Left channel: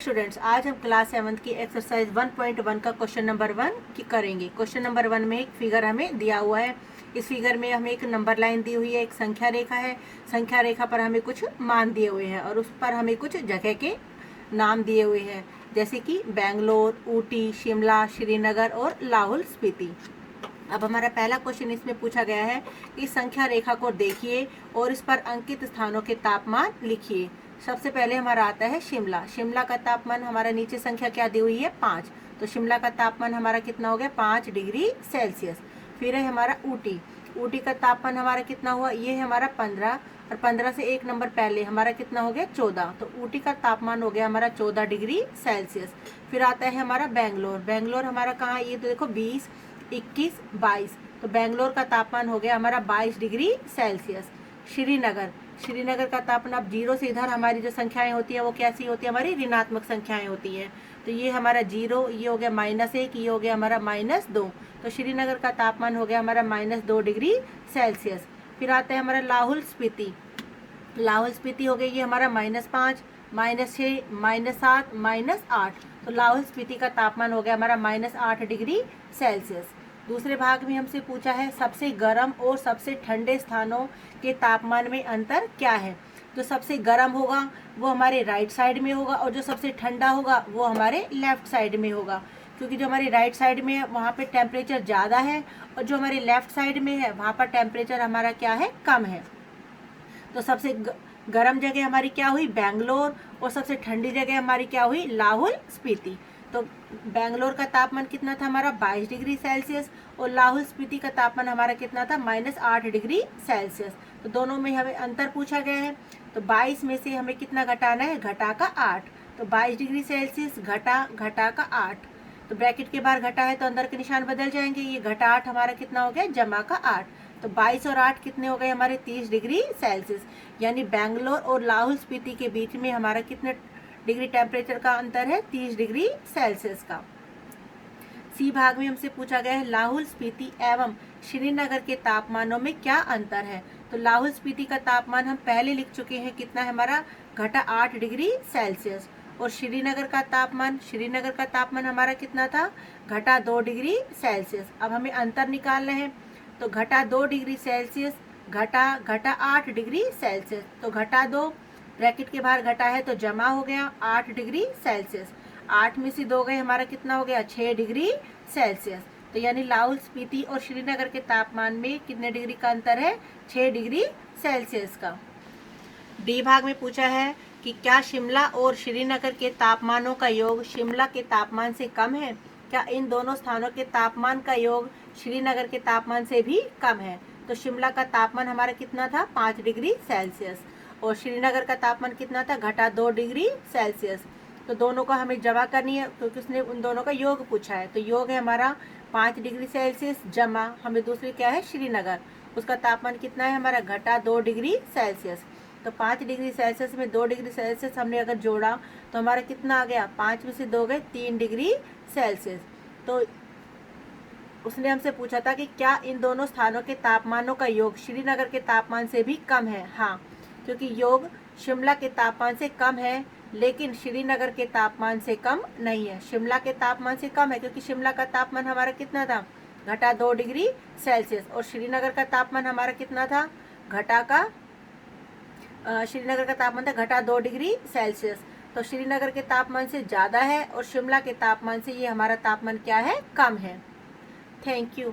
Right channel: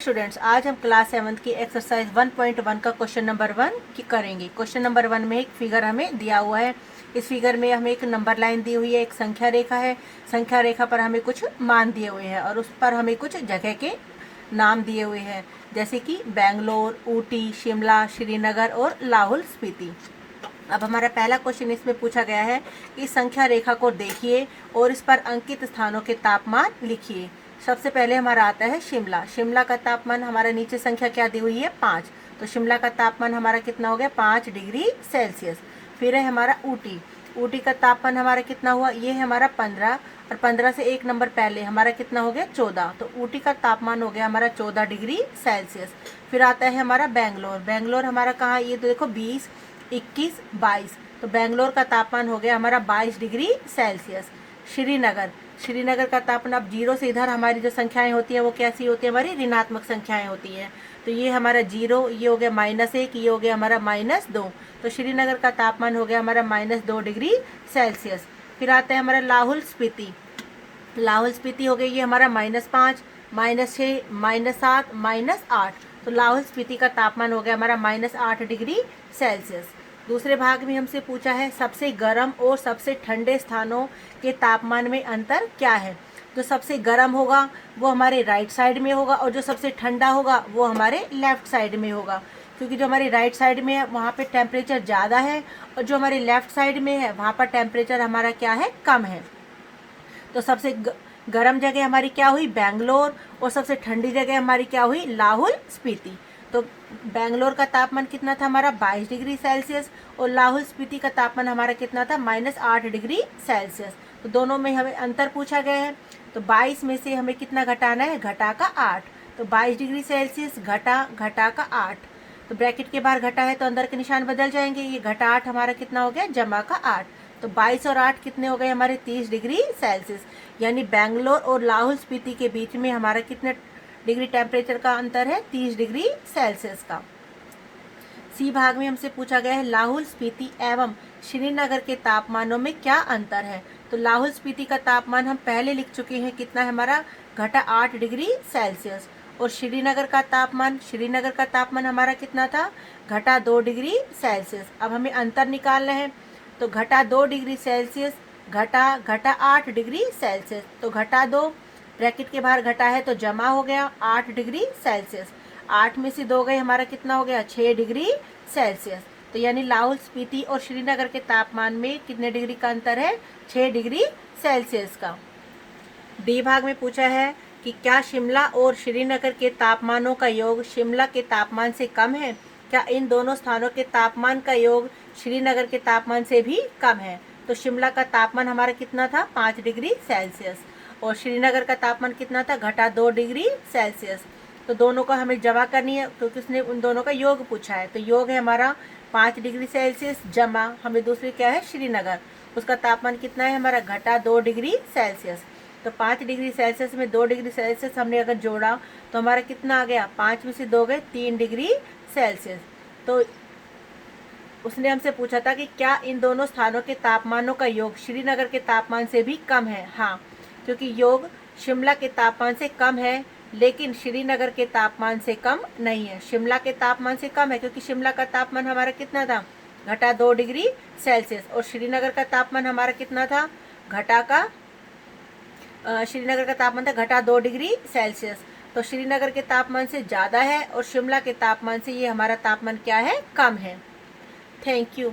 Students, आज हम class 7 की एक्सरसाइज 1.1 का क्वेश्चन नंबर 1 की करेंगे। क्वेश्चन नंबर 1 में एक फिगर हमें दिया हुआ है। इस फिगर में हमें एक नंबर लाइन दी हुई है, एक संख्या रेखा है। संख्या रेखा पर हमें कुछ मान दिए हुए हैं और उस पर हमें कुछ जगह के नाम दिए हुए हैं, जैसे कि बेंगलोर, ऊटी, शिमला, श्रीनगर और लाहौल स्पीति। अब हमारा पहला क्वेश्चन इसमें पूछा गया है कि संख्या रेखा को देखिए और इस पर अंकित स्थानों के तापमान लिखिए। सबसे पहले हमारा आता है शिमला। शिमला का तापमान, हमारा नीचे संख्या क्या दी हुई है 5, तो शिमला का तापमान हमारा कितना हो गया 5 डिग्री सेल्सियस। फिर है हमारा ऊटी। ऊटी का तापमान हमारा कितना हुआ, ये है हमारा 15 और 15 से एक नंबर पहले हमारा कितना हो गया 14, तो ऊटी का तापमान हो गया हमारा 14 डिग्री सेल्सियस। फिर आता है हमारा बेंगलोर। बेंगलोर हमारा कहाँ है, ये तो देखो 20, 21, 22, तो बेंगलोर का तापमान हो गया हमारा 22 डिग्री सेल्सियस। श्रीनगर, श्रीनगर का तापमान, अब जीरो से इधर हमारी जो संख्याएं होती है वो कैसी होती है, हमारी ऋणात्मक संख्याएं होती हैं। तो ये हमारा जीरो, ये हो गया -1, ये हो गया हमारा -2, तो श्रीनगर का तापमान हो गया हमारा -2 डिग्री सेल्सियस। फिर आता है हमारा लाहौल स्पीति। लाहौल स्पीति हो गई ये हमारा -5, -6, -7, -8, तो लाहौल स्पीति का तापमान हो गया हमारा -8 डिग्री सेल्सियस। दूसरे भाग में हमसे पूछा है सबसे गर्म और सबसे ठंडे स्थानों के तापमान में अंतर क्या है। तो सबसे गर्म होगा वो हमारे राइट साइड में होगा और जो सबसे ठंडा होगा वो हमारे लेफ्ट साइड में होगा, क्योंकि जो हमारी राइट साइड में है वहाँ पे टेम्परेचर ज़्यादा है और जो हमारे लेफ्ट साइड में है वहाँ पर टेम्परेचर हमारा क्या है, कम है। तो सबसे गर्म जगह हमारी क्या हुई, बेंगलोर, और सबसे ठंडी जगह हमारी क्या हुई, लाहौल स्पीति। तो बेंगलोर का तापमान कितना था हमारा 22 डिग्री सेल्सियस और लाहौल स्पीति का तापमान हमारा कितना था -8 डिग्री सेल्सियस। तो दोनों में हमें अंतर पूछा गया है, तो 22 में से हमें कितना घटाना है, घटा का 8, तो 22 डिग्री सेल्सियस घटा का 8, तो ब्रैकेट के बाहर घटा है तो अंदर के निशान बदल जाएंगे, ये घटा 8 हमारा कितना हो गया, जमा का 8, तो 22 और 8 कितने हो गए हमारे 30 डिग्री सेल्सियस। यानी बेंगलोर और लाहौल स्पीति के बीच में हमारा कितने डिग्री टेम्परेचर का अंतर है, 30 डिग्री सेल्सियस का। सी भाग में हमसे पूछा गया है लाहौल स्पीति एवं श्रीनगर के तापमानों में क्या अंतर है। तो लाहौल स्पीति का तापमान हम पहले लिख चुके हैं, कितना है हमारा, घटा 8 डिग्री सेल्सियस, और श्रीनगर का तापमान हमारा कितना था, घटा 2 डिग्री सेल्सियस। अब हमें अंतर निकालना है, तो घटा 2 डिग्री सेल्सियस घटा 8 डिग्री सेल्सियस, तो घटा 2, ब्रैकेट के बाहर घटा है तो जमा हो गया 8 डिग्री सेल्सियस। 8 में से 2 गए हमारा कितना हो गया, 6 डिग्री सेल्सियस। तो यानी लाहौल स्पीति और श्रीनगर के तापमान में कितने डिग्री का अंतर है, 6 डिग्री सेल्सियस का। डी भाग में पूछा है कि क्या शिमला और श्रीनगर के तापमानों का योग शिमला के तापमान से कम है। क्या इन दोनों स्थानों के तापमान का योग श्रीनगर के तापमान से भी कम है। तो शिमला का तापमान हमारा कितना था, 5 डिग्री सेल्सियस, और श्रीनगर का तापमान कितना था, घटा 2 डिग्री सेल्सियस। तो दोनों को हमें जमा करनी है क्योंकि उसने उन दोनों का योग पूछा है, तो योग है हमारा 5 डिग्री सेल्सियस जमा हमें दूसरी क्या है, श्रीनगर, उसका तापमान कितना है हमारा, घटा 2 डिग्री सेल्सियस। तो 5 डिग्री सेल्सियस में 2 डिग्री सेल्सियस हमने अगर जोड़ा तो हमारा कितना आ गया, 5 में से 2 गए 3 डिग्री सेल्सियस। तो उसने हमसे पूछा था कि क्या इन दोनों स्थानों के तापमानों का योग श्रीनगर के तापमान से भी कम है। हाँ, क्योंकि योग शिमला के तापमान से कम है लेकिन श्रीनगर के तापमान से कम नहीं है। शिमला के तापमान से कम है क्योंकि शिमला का तापमान हमारा कितना था, घटा 2 डिग्री सेल्सियस, और श्रीनगर का तापमान हमारा कितना था, श्रीनगर का तापमान था घटा 2 डिग्री सेल्सियस। तो श्रीनगर के तापमान से ज़्यादा है और शिमला के तापमान से ये हमारा तापमान क्या है, कम है। Thank you.